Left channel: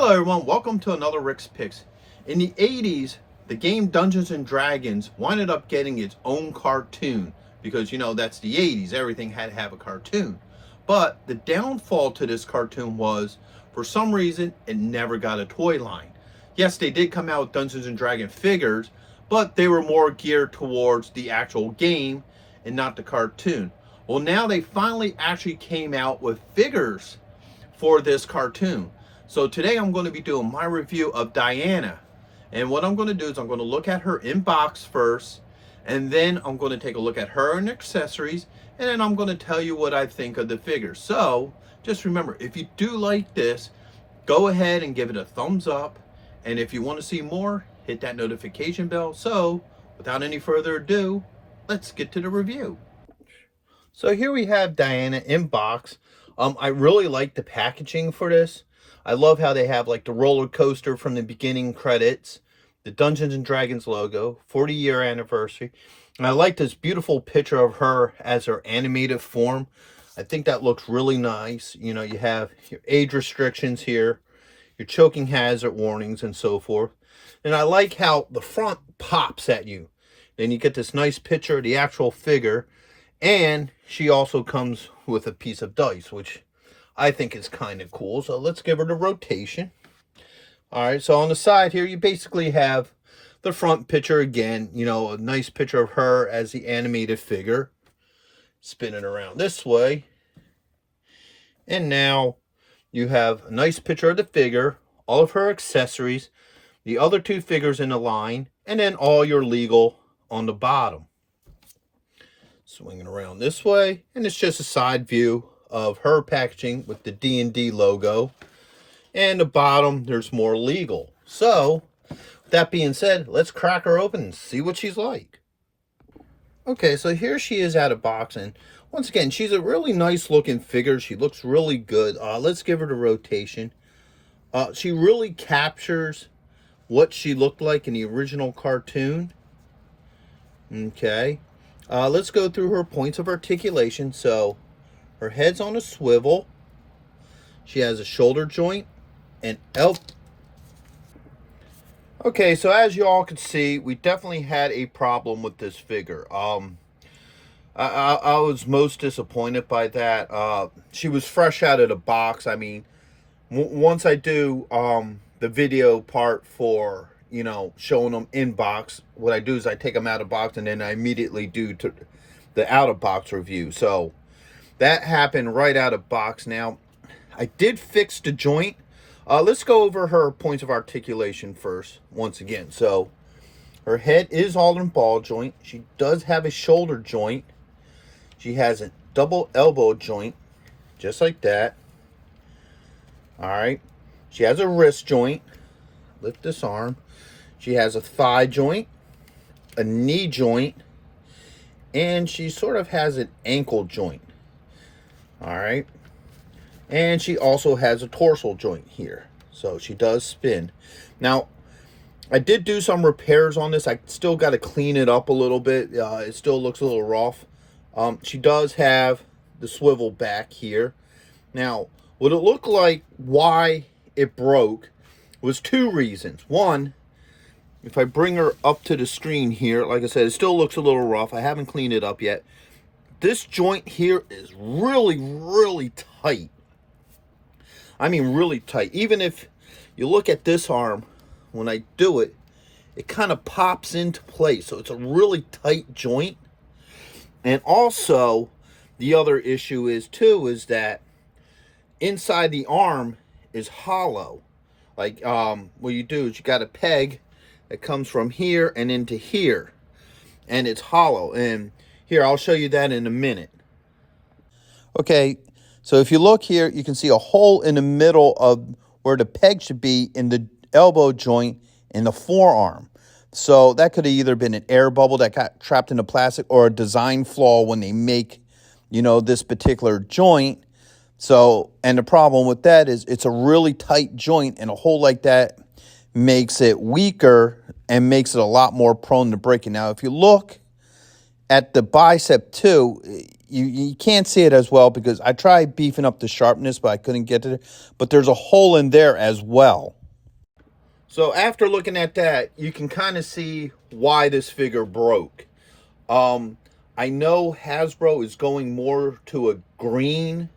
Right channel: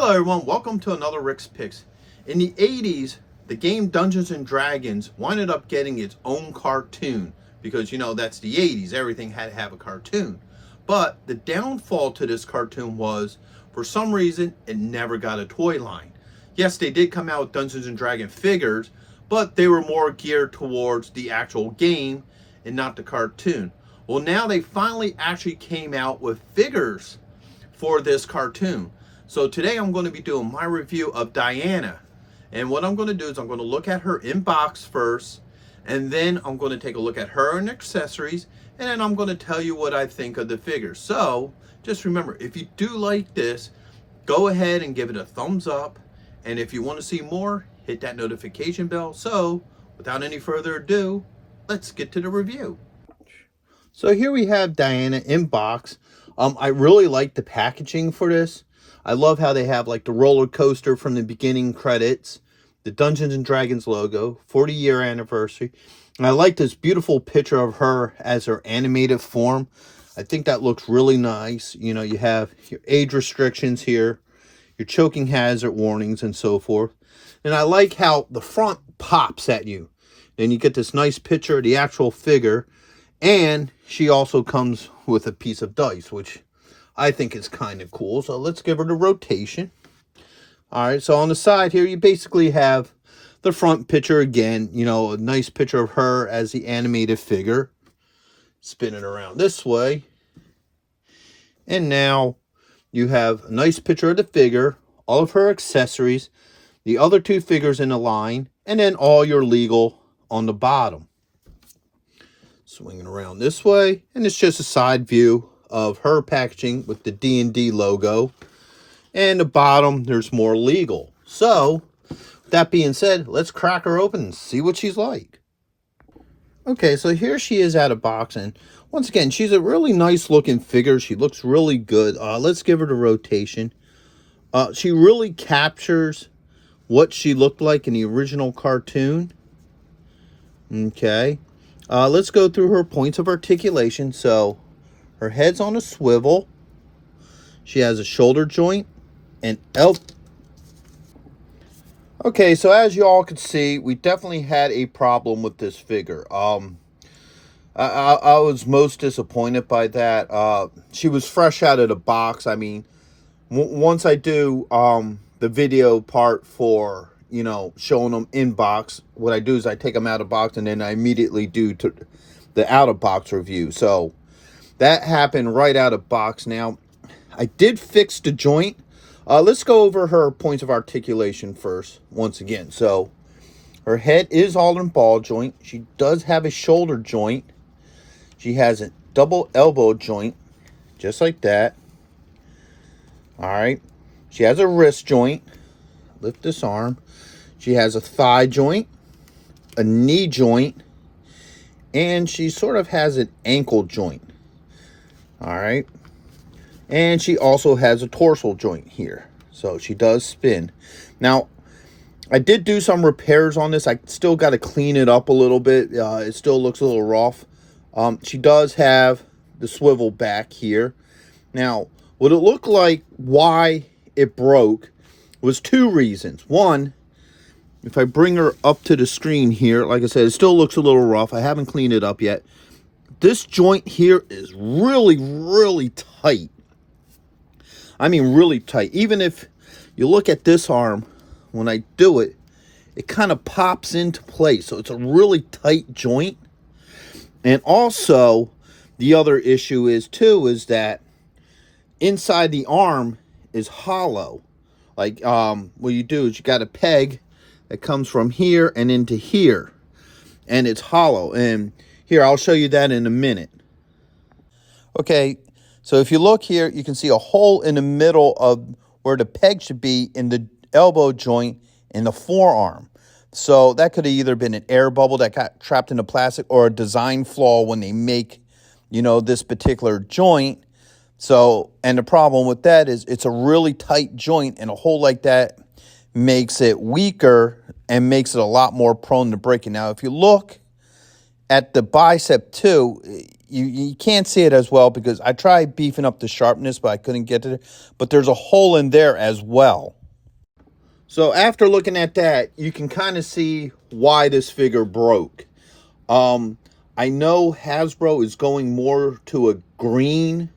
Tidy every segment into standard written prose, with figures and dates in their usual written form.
Hello everyone, welcome to another Rick's Picks. In the 80s, the game Dungeons and Dragons winded up getting its own cartoon because, that's the 80s, everything had to have a cartoon. But the downfall to this cartoon was, for some reason, it never got a toy line. Yes, they did come out with Dungeons and Dragons figures, but they were more geared towards the actual game and not the cartoon. Well, now they finally actually came out with figures for this cartoon. So today I'm going to be doing my review of Diana. And what I'm going to do is I'm going to look at her in box first, and then I'm going to take a look at her and accessories, and then I'm going to tell you what I think of the figure. So just remember, if you do like this, go ahead and give it a thumbs up. And if you want to see more, hit that notification bell. So without any further ado, let's get to the review. So here we have Diana in box. I really like the packaging for this. I love how they have like the roller coaster from the beginning credits, the Dungeons and Dragons logo, 40-year anniversary. And I like this beautiful picture of her as her animated form. I think that looks really nice. You have your age restrictions here, your choking hazard warnings and so forth. And I like how the front pops at you. Then you get this nice picture of the actual figure. And she also comes with a piece of dice, which I think is kind of cool. So let's give her the rotation. All right, so on the side here, you basically have the front picture again. A nice picture of her as the animated figure. Spin it around this way. And now you have a nice picture of the figure, all of her accessories, the other two figures in the line, and then all your legal on the bottom. Swing it around this way, and it's just a side view of her packaging with the D&D logo. And the bottom, there's more legal. So, with that being said, let's crack her open and see what she's like. Okay, so here she is out of box, and once again, she's a really nice looking figure. She looks really good. Let's give her the rotation. She really captures what she looked like in the original cartoon. Okay. Let's go through her points of articulation. So, her head's on a swivel. She has a shoulder joint and elbow. Okay, so as you all could see, we definitely had a problem with this figure. I was most disappointed by that. She was fresh out of the box. I mean, once I do the video part for showing them in box, what I do is I take them out of box and then I immediately do the out of box review. So that happened right out of box. Now, I did fix the joint. Let's go over her points of articulation first, once again. So, her head is all in ball joint. She does have a shoulder joint. She has a double elbow joint, just like that. All right. She has a wrist joint. Lift this arm. She has a thigh joint, a knee joint, and she sort of has an ankle joint. All right. And she also has a torso joint here. So she does spin. Now, I did do some repairs on this. I still got to clean it up a little bit. It still looks a little rough. She does have the swivel back here. Now, what it looked like, why it broke, was two reasons. One, if I bring her up to the screen here, like I said, it still looks a little rough. I haven't cleaned it up yet. This joint here is really, really tight. I mean, really tight. Even if you look at this arm, when I do it, it kind of pops into place. So it's a really tight joint. And also, the other issue is that inside the arm is hollow. Like, what you do is you got a peg that comes from here and into here. And it's hollow. And here, I'll show you that in a minute. Okay, so if you look here, you can see a hole in the middle of where the peg should be in the elbow joint in the forearm. So that could have either been an air bubble that got trapped in the plastic or a design flaw when they make, this particular joint. So, and the problem with that is it's a really tight joint, and a hole like that makes it weaker and makes it a lot more prone to breaking. Now, if you look at the bicep too, you can't see it as well because I tried beefing up the sharpness, but I couldn't get to it. But there's a hole in there as well. So after looking at that, you can kind of see why this figure broke. I know Hasbro is going more to a green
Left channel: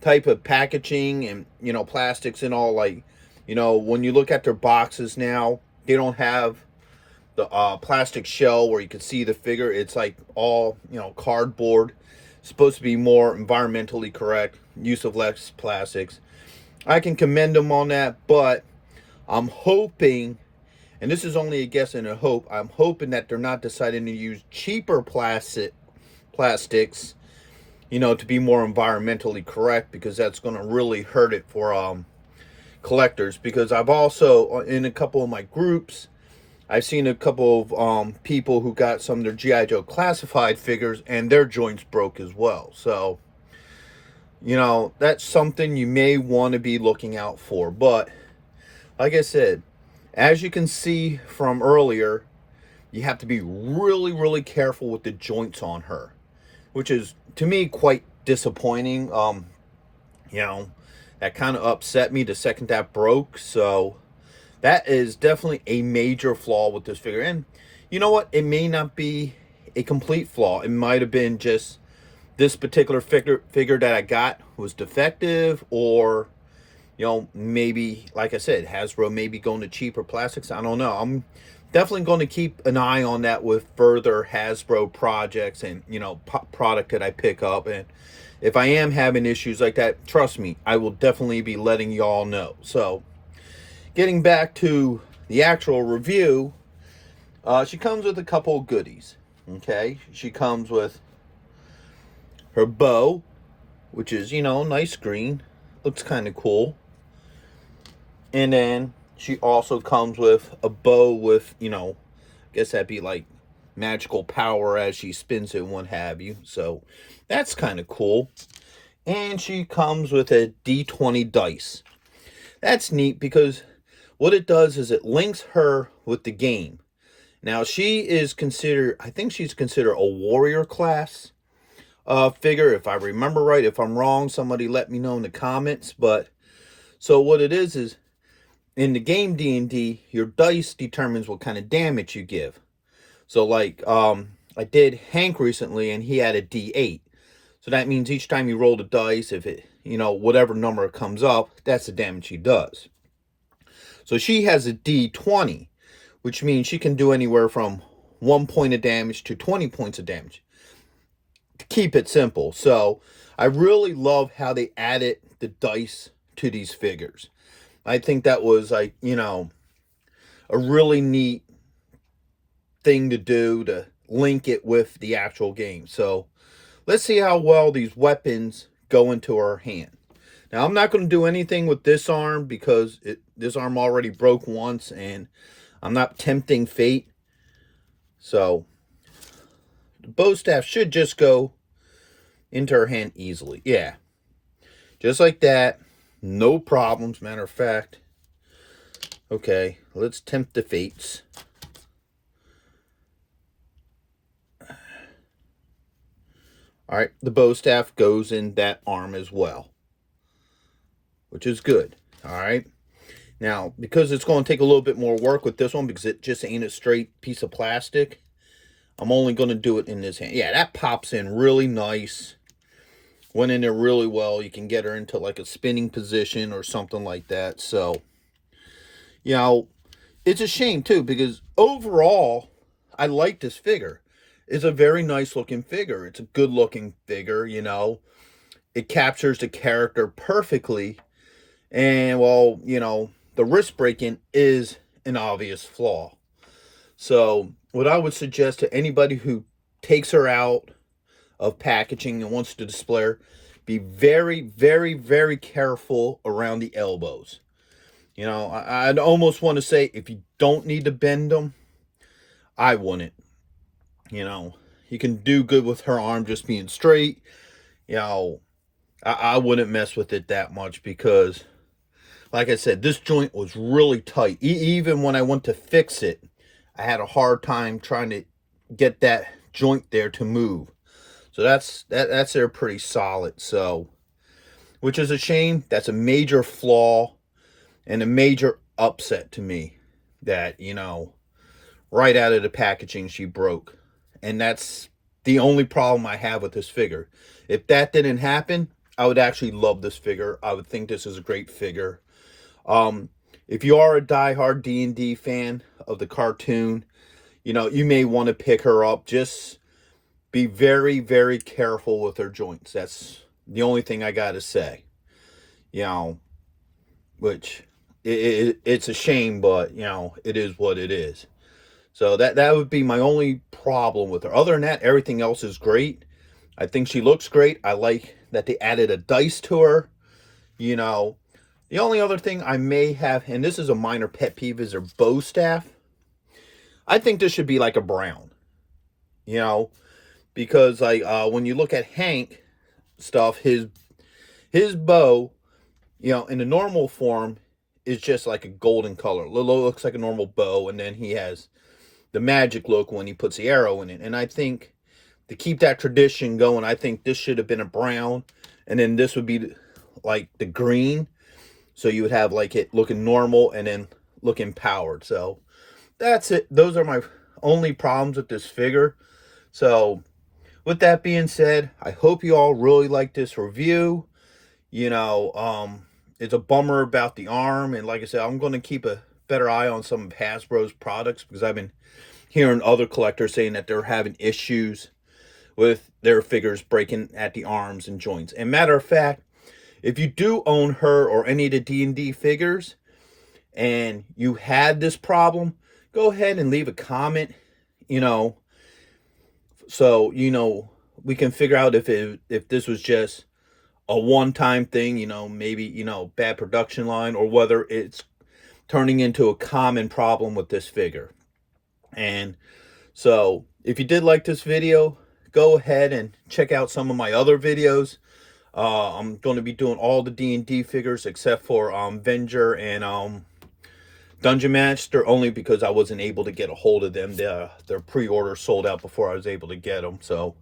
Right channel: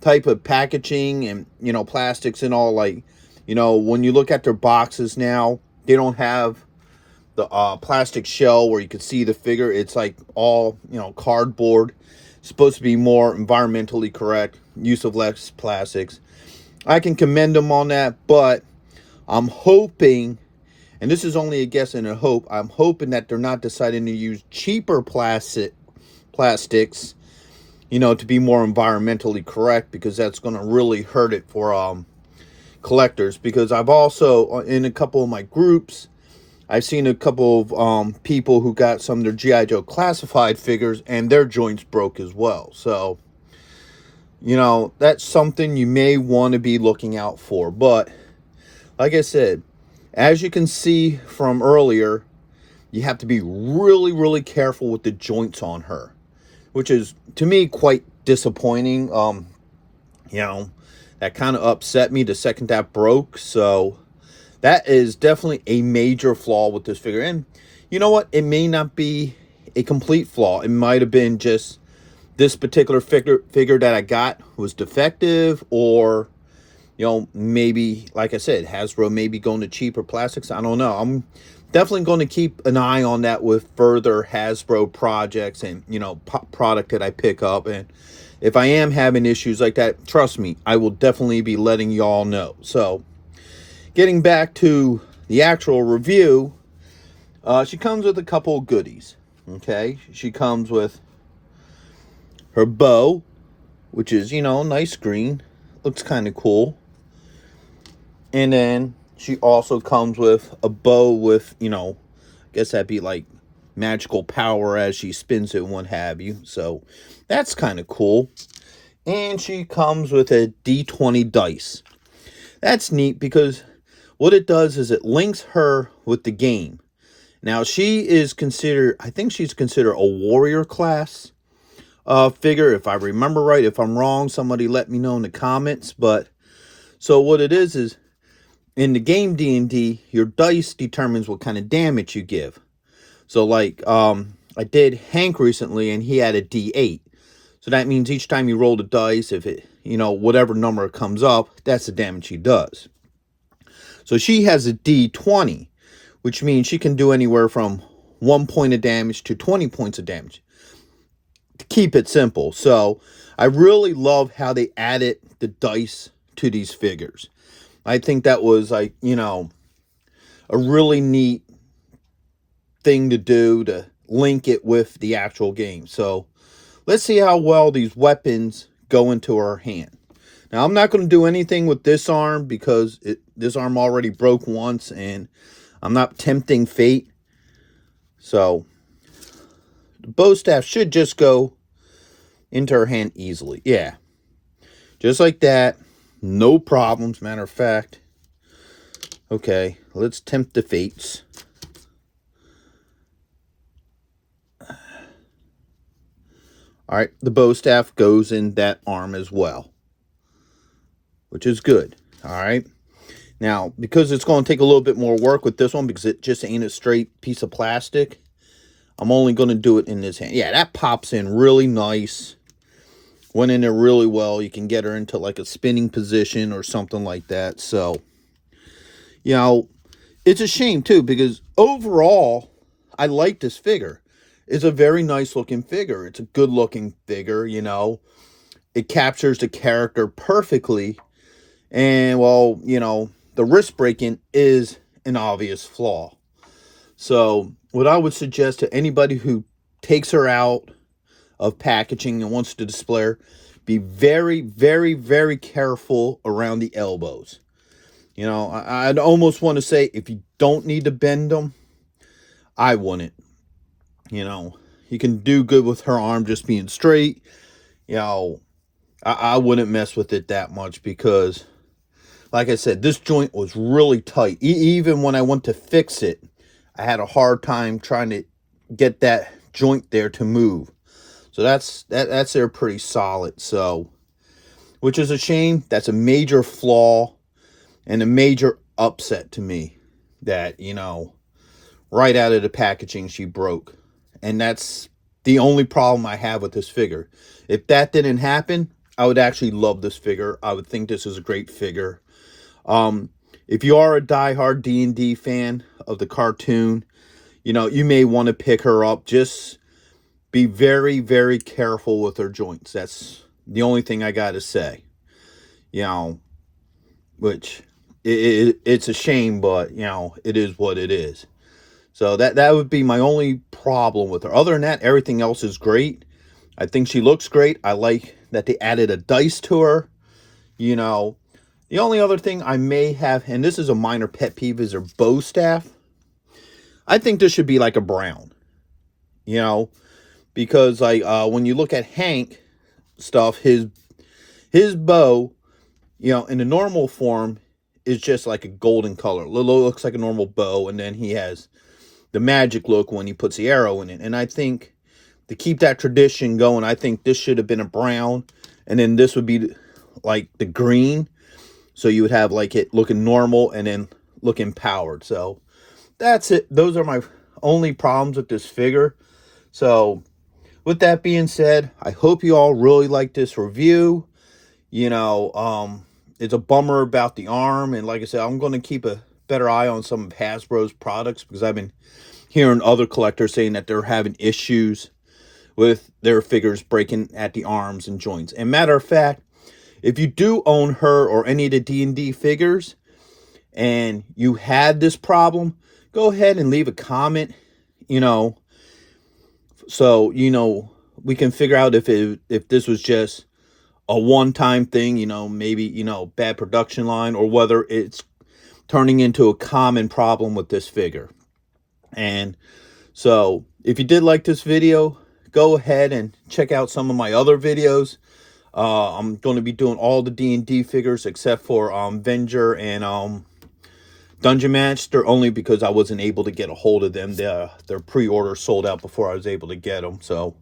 type of packaging and, you know, plastics and all. Like, you know, when you look at their boxes now, they don't have the plastic shell where you can see the figure. It's like all, you know, cardboard. It's supposed to be more environmentally correct, use of less plastics. I can commend them on that, but I'm hoping, and this is only a guess and a hope, I'm hoping that they're not deciding to use cheaper plastics, you know, to be more environmentally correct, because that's going to really hurt it for collectors. Because I've also, in a couple of my groups, I've seen a couple of people who got some of their G.I. Joe classified figures and their joints broke as well. So, you know, that's something you may want to be looking out for. But like I said, as you can see from earlier, you have to be really, really careful with the joints on her, which is, to me, quite disappointing. You know, that kind of upset me the second that broke. So that is definitely a major flaw with this figure. And you know what? It may not be a complete flaw. It might have been just this particular figure that I got was defective, or, you know, maybe, like I said, Hasbro may be going to cheaper plastics. I don't know. I'm definitely going to keep an eye on that with further Hasbro projects and, you know, product that I pick up. And if I am having issues like that, trust me, I will definitely be letting y'all know. So, getting back to the actual review, she comes with a couple of goodies. Okay, she comes with her bow, which is, you know, nice green. Looks kind of cool. And then she also comes with a bow with, you know, I guess that'd be like magical power as she spins it and what have you. So that's kind of cool. And she comes with a D20 dice. That's neat because what it does is it links her with the game. Now, she is considered, I think she's considered a warrior class figure, if I remember right. If I'm wrong, somebody let me know in the comments. But so what it is in the game D&D, your dice determines what kind of damage you give. So like, I did Hank recently and he had a D8. So that means each time you roll the dice, if it, you know, whatever number comes up, that's the damage he does. So she has a D20, which means she can do anywhere from 1 point of damage to 20 points of damage, to keep it simple. So I really love how they added the dice to these figures. I think that was, like, you know, a really neat thing to do, to link it with the actual game. So let's see how well these weapons go into her hand. Now, I'm not going to do anything with this arm because this arm already broke once, and I'm not tempting fate. So the bow staff should just go into her hand easily. Yeah, just like that. No problems, matter of fact. Okay, let's tempt the fates. All right, the bow staff goes in that arm as well, which is good. All right. Now, because it's going to take a little bit more work with this one, because it just ain't a straight piece of plastic, I'm only going to do it in this hand. Yeah, that pops in really nice. Went in there really well. You can get her into like a spinning position or something like that. So, you know, it's a shame too, because overall, I like this figure. It's a very nice looking figure. It's a good looking figure, you know. It captures the character perfectly. And, well, you know, the wrist breaking is an obvious flaw. So what I would suggest to anybody who takes her out of packaging and wants to display her, be very, very, very careful around the elbows. You know, I'd almost want to say, if you don't need to bend them, I wouldn't. You know, you can do good with her arm just being straight. You know, I wouldn't mess with it that much because, like I said, this joint was really tight. Even when I went to fix it, I had a hard time trying to get that joint there to move. So that's there pretty solid. So, which is a shame. That's a major flaw and a major upset to me that, you know, right out of the packaging she broke. And that's the only problem I have with this figure. If that didn't happen, I would actually love this figure. I would think this is a great figure. If you are a diehard D&D fan of the cartoon, you know, you may want to pick her up. Just be very, very careful with her joints. That's the only thing I got to say. You know, which it's a shame, but, you know, it is what it is. So that would be my only problem with her. Other than that, everything else is great. I think she looks great. I like that they added a dice to her. You know, the only other thing I may have, and this is a minor pet peeve, is her bow staff. I think this should be like a brown. You know, because like when you look at Hank stuff, his bow, you know, in the normal form is just like a golden color. It looks like a normal bow, and then he has the magic look when he puts the arrow in it. And I think to keep that tradition going, I think this should have been a brown, and then this would be like the green, so you would have like it looking normal and then looking powered. So that's it. Those are my only problems with this figure. So with that being said, I hope you all really like this review. You know, it's a bummer about the arm, and like I said, I'm going to keep a better eye on some of Hasbro's products, because I've been hearing other collectors saying that they're having issues with their figures breaking at the arms and joints. And matter of fact, if you do own her or any of the D&D figures and you had this problem, go ahead and leave a comment, you know, so, you know, we can figure out if this was just a one-time thing, you know, maybe, you know, bad production line, or whether it's turning into a common problem with this figure. And so if you did like this video, go ahead and check out some of my other videos. I'm going to be doing all the D&D figures except for Venger and Dungeon Master, only because I wasn't able to get a hold of them. Their pre-order sold out before I was able to get them. So,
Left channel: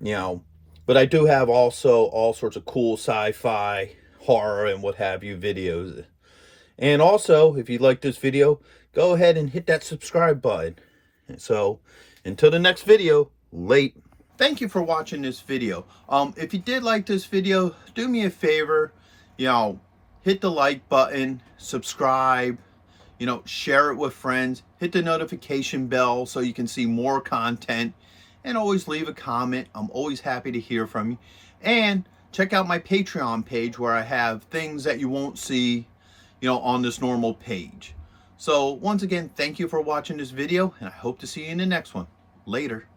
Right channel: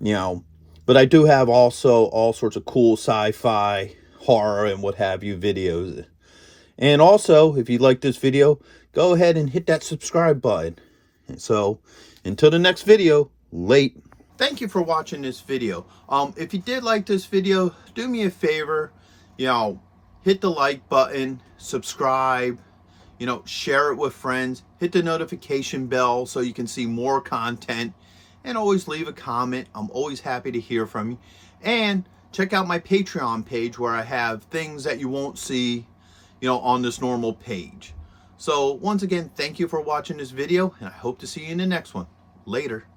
you know, but I do have also all sorts of cool sci-fi, horror, and what have you videos. And also, if you like this video, go ahead and hit that subscribe button. So, until the next video, late. Thank you for watching this video. If you did like this video, do me a favor, you know, hit the like button, subscribe, you know, share it with friends, hit the notification bell so you can see more content, and always leave a comment. I'm always happy to hear from you. And check out my Patreon page, where I have things that you won't see, you know, on this normal page. So once again, thank you for watching this video, and I hope to see you in the next one. Later.